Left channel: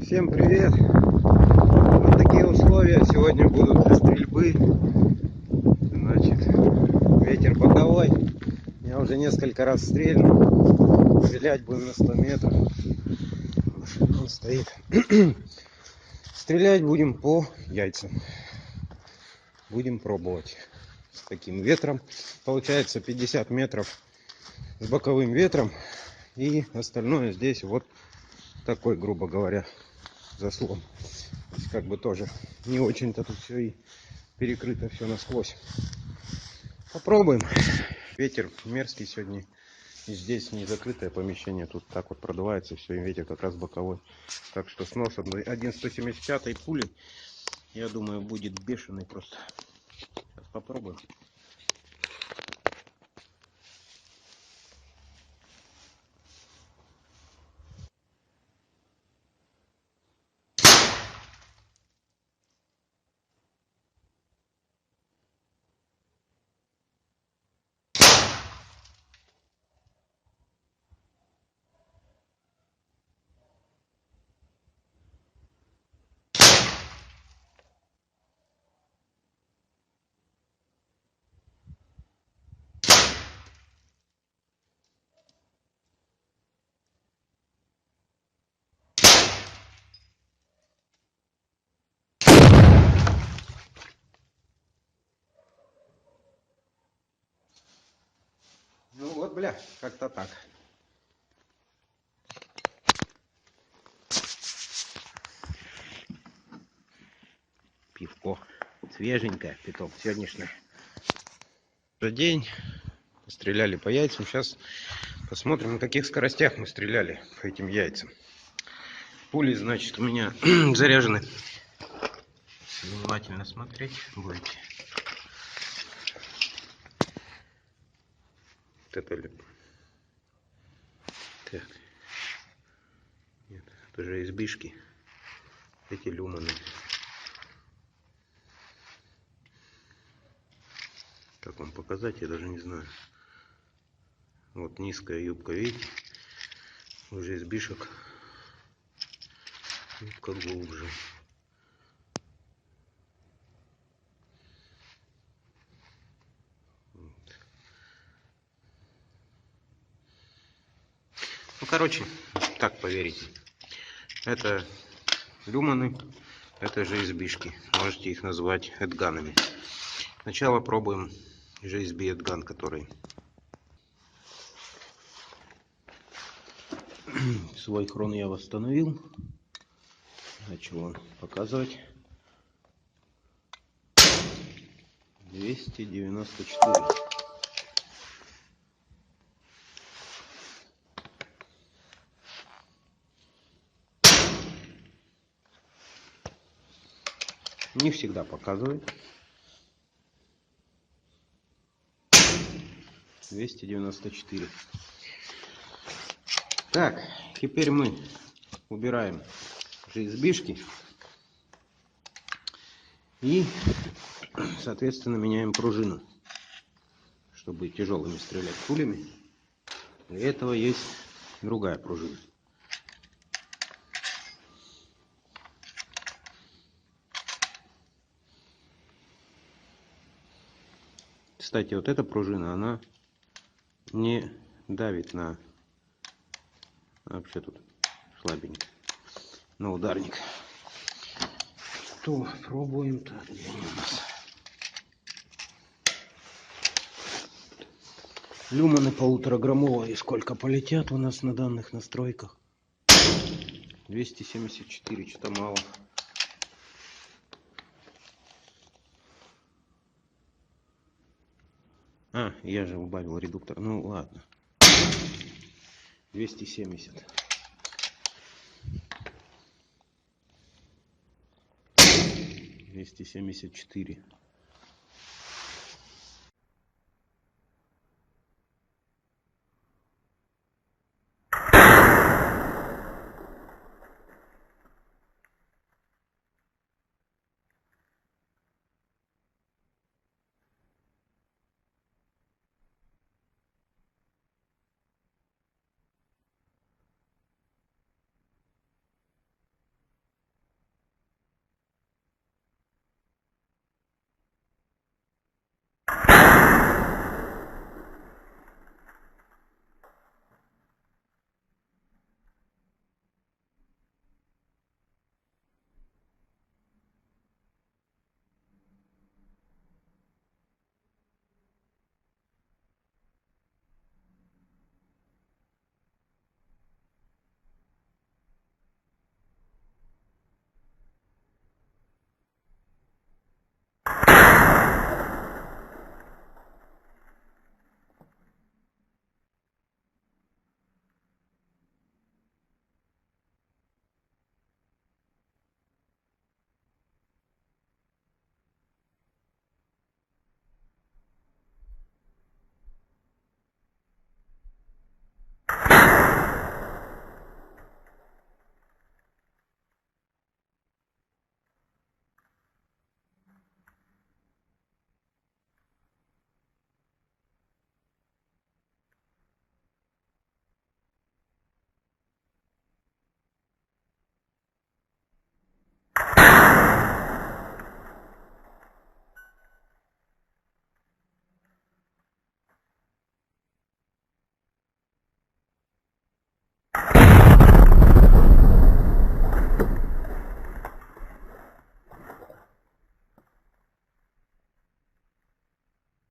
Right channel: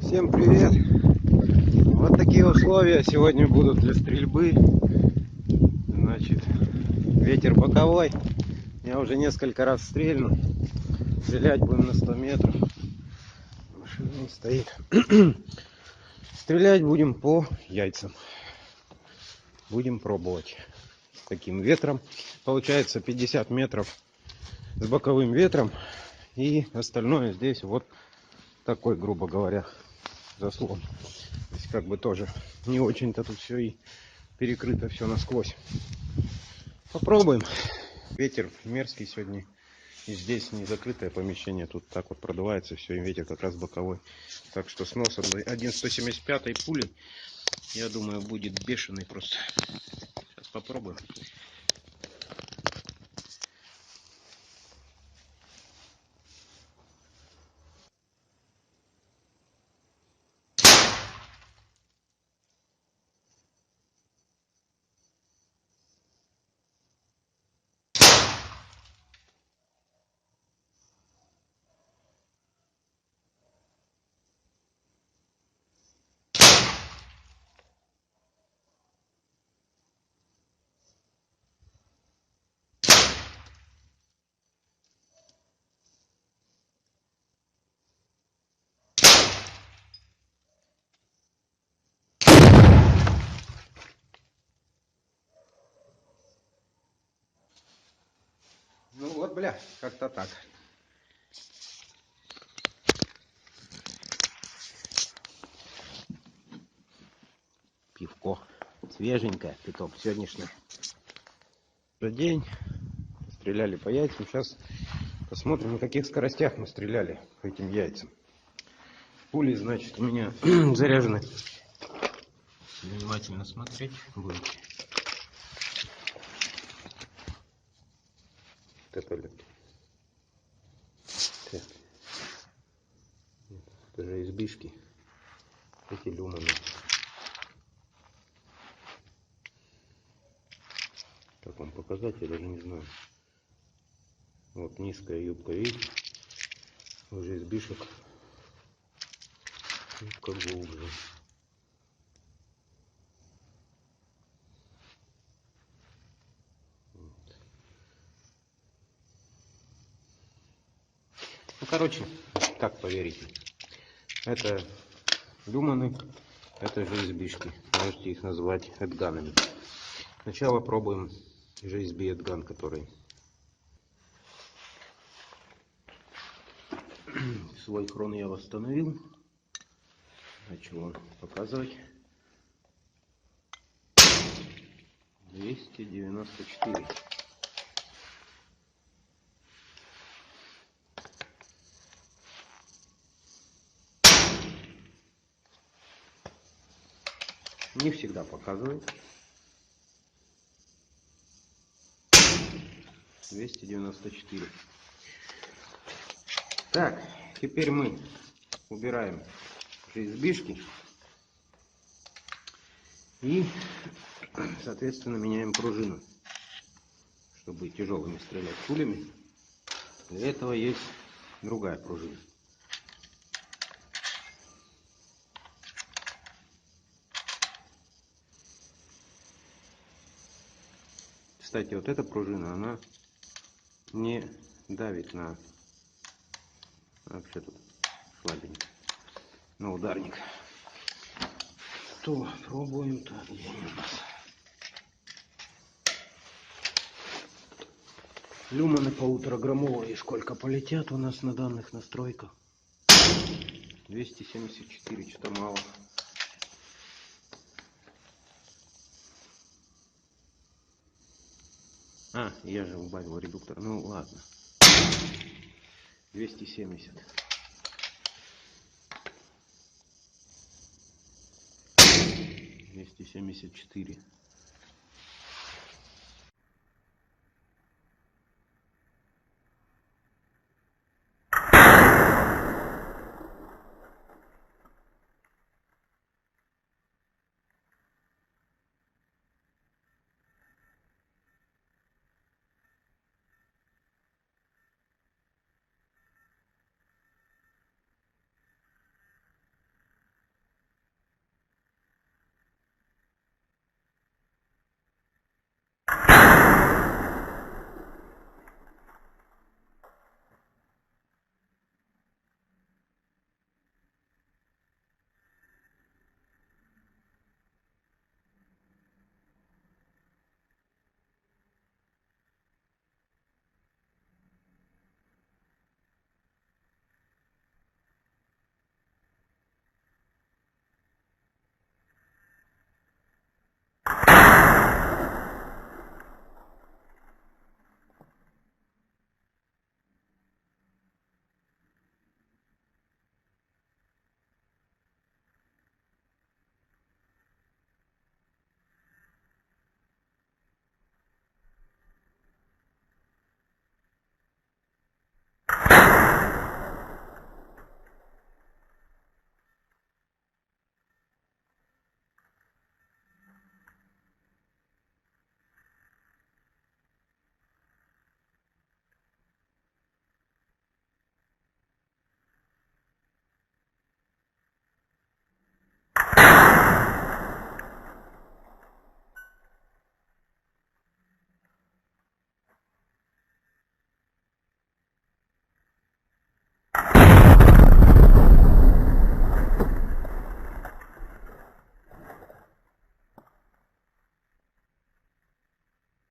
Всем привет! Вот такие условия сегодня будут для стрельбы. Значит, ветер боковой. Я уже несколько раз стрельнул. Стрелять будем на 100 метров. Он стоит. Стрелять будем по яйцам. Будем пробовать с таким ветром. Получается 50 метров с боковым ветром. И остальное здесь вот такой, грубо говоря, заслон. Как бы тоже не очень-то тут все и перекрыто все насквозь. Попробуем. Ветер мерзкий сегодня. И здесь не закрытое помещение. Тут так вот продувается все. И ветер как раз боковой. Так что снос 1,175 пули, я думаю, будет бешеный просто. Сейчас попробуем. Ну вот, бля, как-то так. Пивко свеженькое, питом сегодняшнее. День. Стреляли по яйцам. Сейчас посмотрим, на каких скоростях мы стреляли по этим яйцам. Пули, значит, у меня заряжены. Внимательно смотреть будете. Вот это... Так. Нет, это же избышки. Эти люманы. Как вам показать, я даже не знаю. Вот низкая юбка, видите? Уже избишек. Юбка глубже. Вот. Ну, короче, так поверите. Это люманы, это же избишки. Можете их назвать эдганами. Сначала пробуем GSB Эдган, который свой хрон я восстановил. Начал он показывать 294. Не всегда показывает. 294. Так, теперь мы убираем GSB-шки и, соответственно, меняем пружину, чтобы тяжелыми стрелять пулями. Для этого есть другая пружина. Кстати, вот эта пружина, она не давит на... Вообще тут слабенько. На ударник. Что, пробуем-то? Где они у нас? Люманы 1,5-граммовые. Сколько полетят у нас на данных настройках? 274, что-то мало. А, я же убавил редуктор. Ну ладно. 270. 274.